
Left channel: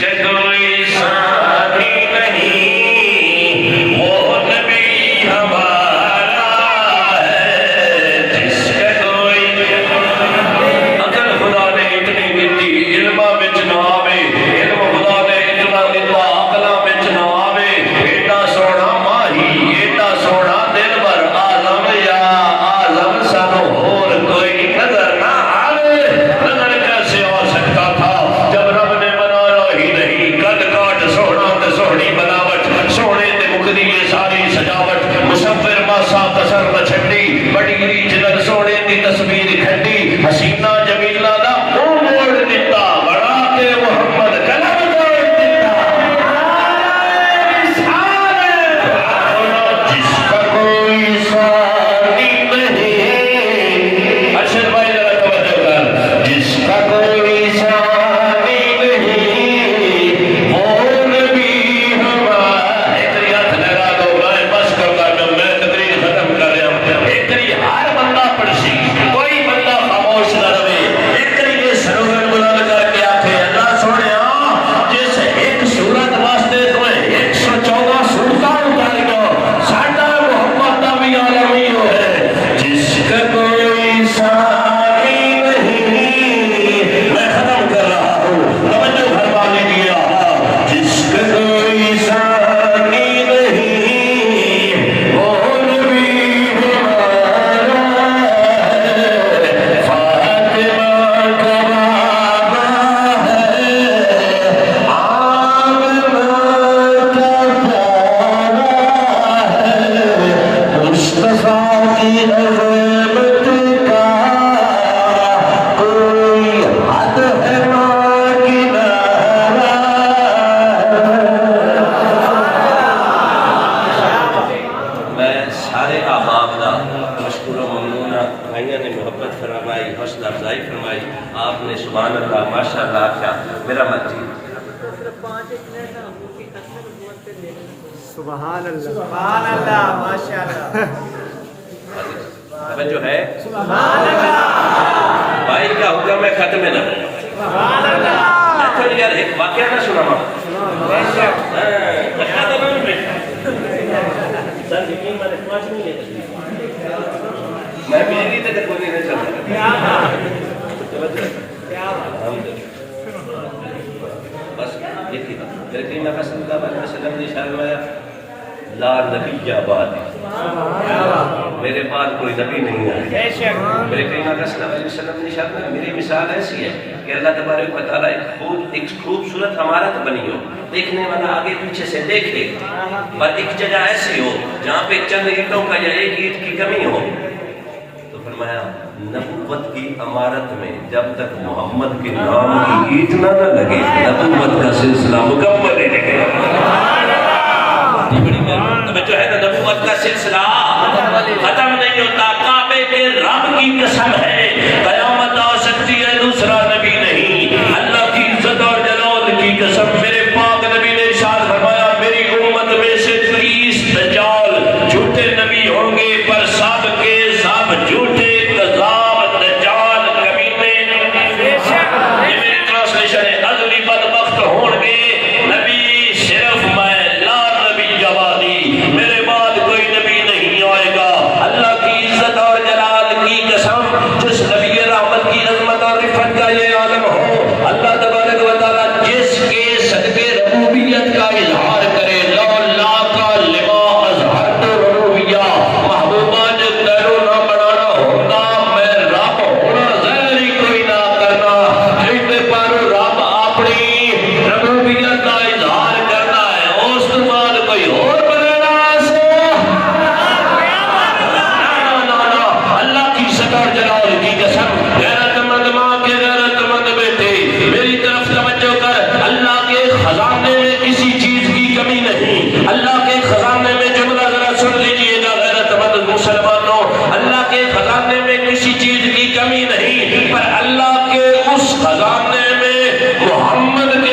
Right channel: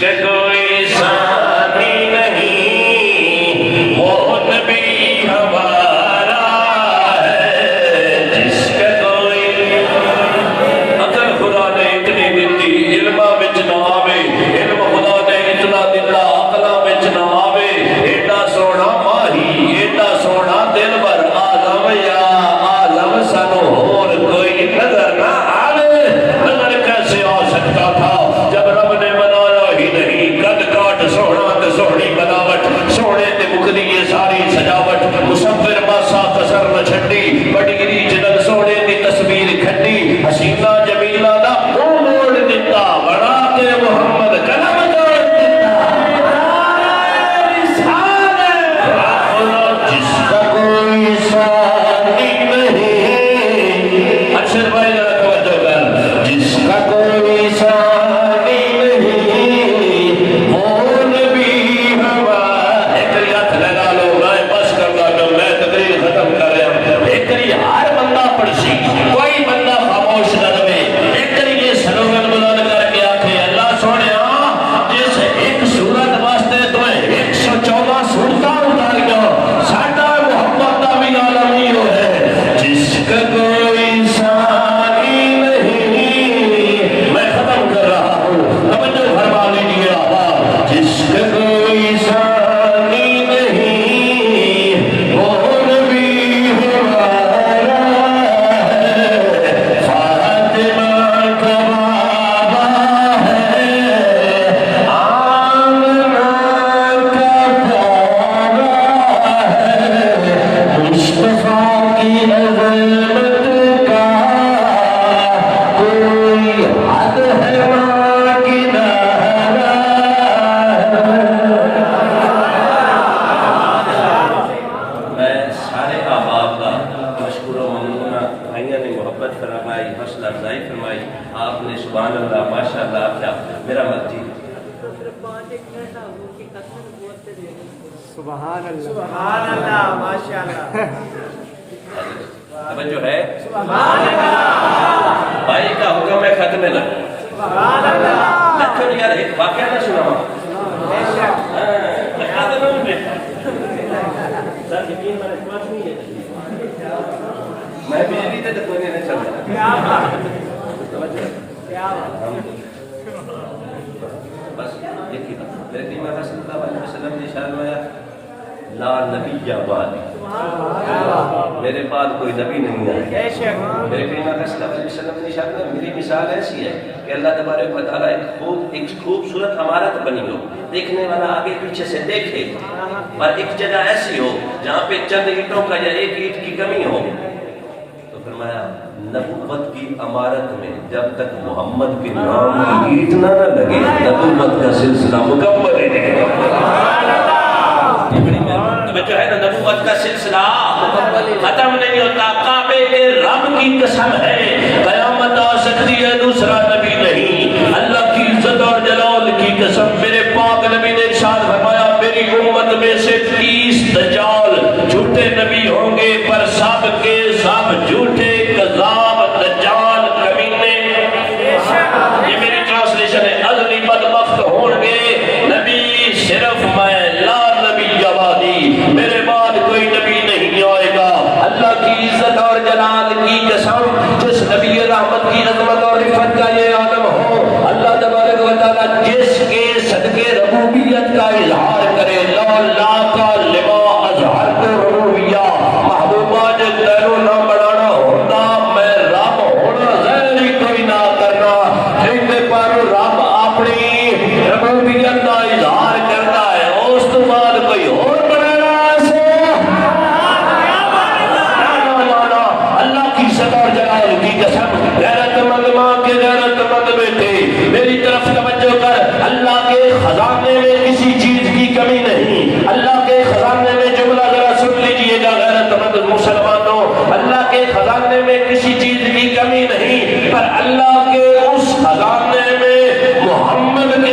کا کوئی ثانی نہیں وہ نبی ہمارا ہے، جس کا کوئی اگر خدا نے اتنی دیتی علمہ بچ نہ آوے، علم خدا نے اتنا دیتا عقلہ بچ نہ آوے، ایڈا سونا ماہی ایڈا سونا دل بر آزم یا آزم سانو اور کوئی نظر نہ آوے، نظر کیسے آ سکتا تھا جب رب نے بنایا ہی نہیں، قد کاٹ سونا تے سونی بناوٹ، سونے تے مکدی یہ ساری سجاوٹ، مصور ماسا کسر نہ چھڈی، بڑی گری جدن سونے دی تصویر کھڈی، حسینہ جمیلہ دا منہ موڑ دیتا، بڑاتے محمد کلم توڑ دیتا، جس کا کوئی ثانی نہیں، ارشد بھائی ذرا توجہ کر، جس کا کوئی ثانی نہیں وہ نبی ہمارا، ایک ری ہاتھ لگا لو، میں بس کر گا، میں تقریر ختم کر رہا ہوں، ایک ری ہر بندہ پڑھسی، کوئی بندہ خاموش نہ رہے، ایک ری یہ سلوگن بلند کر کے آکھے اللہ سونیا جس ایک صورت واسطے تو 114 صورتاں اتاریاں، ساڈا محمد دا بھی عالمی ہو ہے، جس کا کوئی ثانی نہیں، میں ختم کر رہا ہوں، توجہ فرما لیجیے آپ، جس کا کوئی ثانی نہیں وہ نبی ہمارا ہے، فاطمہ کا بابا ہے، آمنہ کا پیارا ہے، مصطفیٰ کی عظمت کا کوئی حد ہے ماں کنارہ ہے۔ میں سارے احباب دا مشکور و ممنون ہاں، بھائیاں نے محبت فرمائی، حوصلہ افزائی فرمائی، آپ نے سبحان اللہ ماشاءاللہ کیا میرا مرضی سبحان اللہ سبحان اللہ ماشاءاللہ توجہ ہے بھائی کا حکم ہے ختم نہ سبحان اللہ میں تو یار ایک واقعہ نہ سنا ماں بے شک میں بجلی تے کوئی نہیں چلتا کیا بات کیا بات بس دیکھیے میرے کریم آقا صلی اللہ علیہ وسلم نے ارشاد فرمایا لا نبی بعد، میرے بعد کوئی نبی نہیں ہے۔ بے شک میرے کریم آقا صلی اللہ علیہ وسلم نے ارشاد فرمایا میری مثال ایسی ہے کہ اللہ تبارک و تعالیٰ ایک خوبصورت عمارت بنی ہو، دیکھنے والا آگے پیچھے سے دیکھے، پر ایک جگہ ایسی ہو جہاں پہ چند اینٹوں کا یا ایک اینٹ کی کمی ہو، تو فرمایا نبوت کی عمارت میں جب تک محمد کے نام کی اینٹ نہ لگے نبوت کا سلسلہ مکمل ہے۔ جو ہے نا نبوت کا سلسلہ ختم نہیں ہوتا، کعبے کے رب کی قسم ہے قیامت آ سکتی ہے دوسرا نبی نہیں، اللہ کی عزت اور جلال کی قسم میرے پاک نبی نے ارشاد فرمایا میری امت میں سے 30 دجال جھوٹے نبی ہوں گے، پر سب کے سب جھوٹے کذاب دجال کمینے، یہ میری ٹرانسلیشن ہے، اگلی بدبخت ہوں گے نبی صرف میں، لا نبی جوادی، میرے بعد کوئی نبی نہیں آئے گا۔ اللہ کی عزت اور جلال کی قسم جس نبی رحمت کی عظمت اور رفت کا یہ عالم ہو، اللہ تبارک و تعالیٰ جس کے صدقے ربوبیت کا اظہار کرے، لولا کا لما اظہرت ربوبیہ، محبوبہ جو تیرو نہ بڑھانا ہوتا میں رب ہونا ظاہری کوئی نہ کرنا، جیتے پر رب اپنی ربوبیت کا اظہار کرنا ہے، اس کے بعد کوئی اور بنانا سے اللہ کی عزت اور جلال کی قسم، غیرت مند ماں کے غیرت مند بیٹے میری طرف توجہ کر، اللہ کے خزانے میں کسی چیز کی کمی نہیں، اللہ کے خزانے میں جملہ ذرا سن لیجئے گا غیرت مند مسلمانوں، اللہ کے خزانے میں کسی چیز کی کمی نہیں، پر اللہ کے اس خزانے میں محمد کے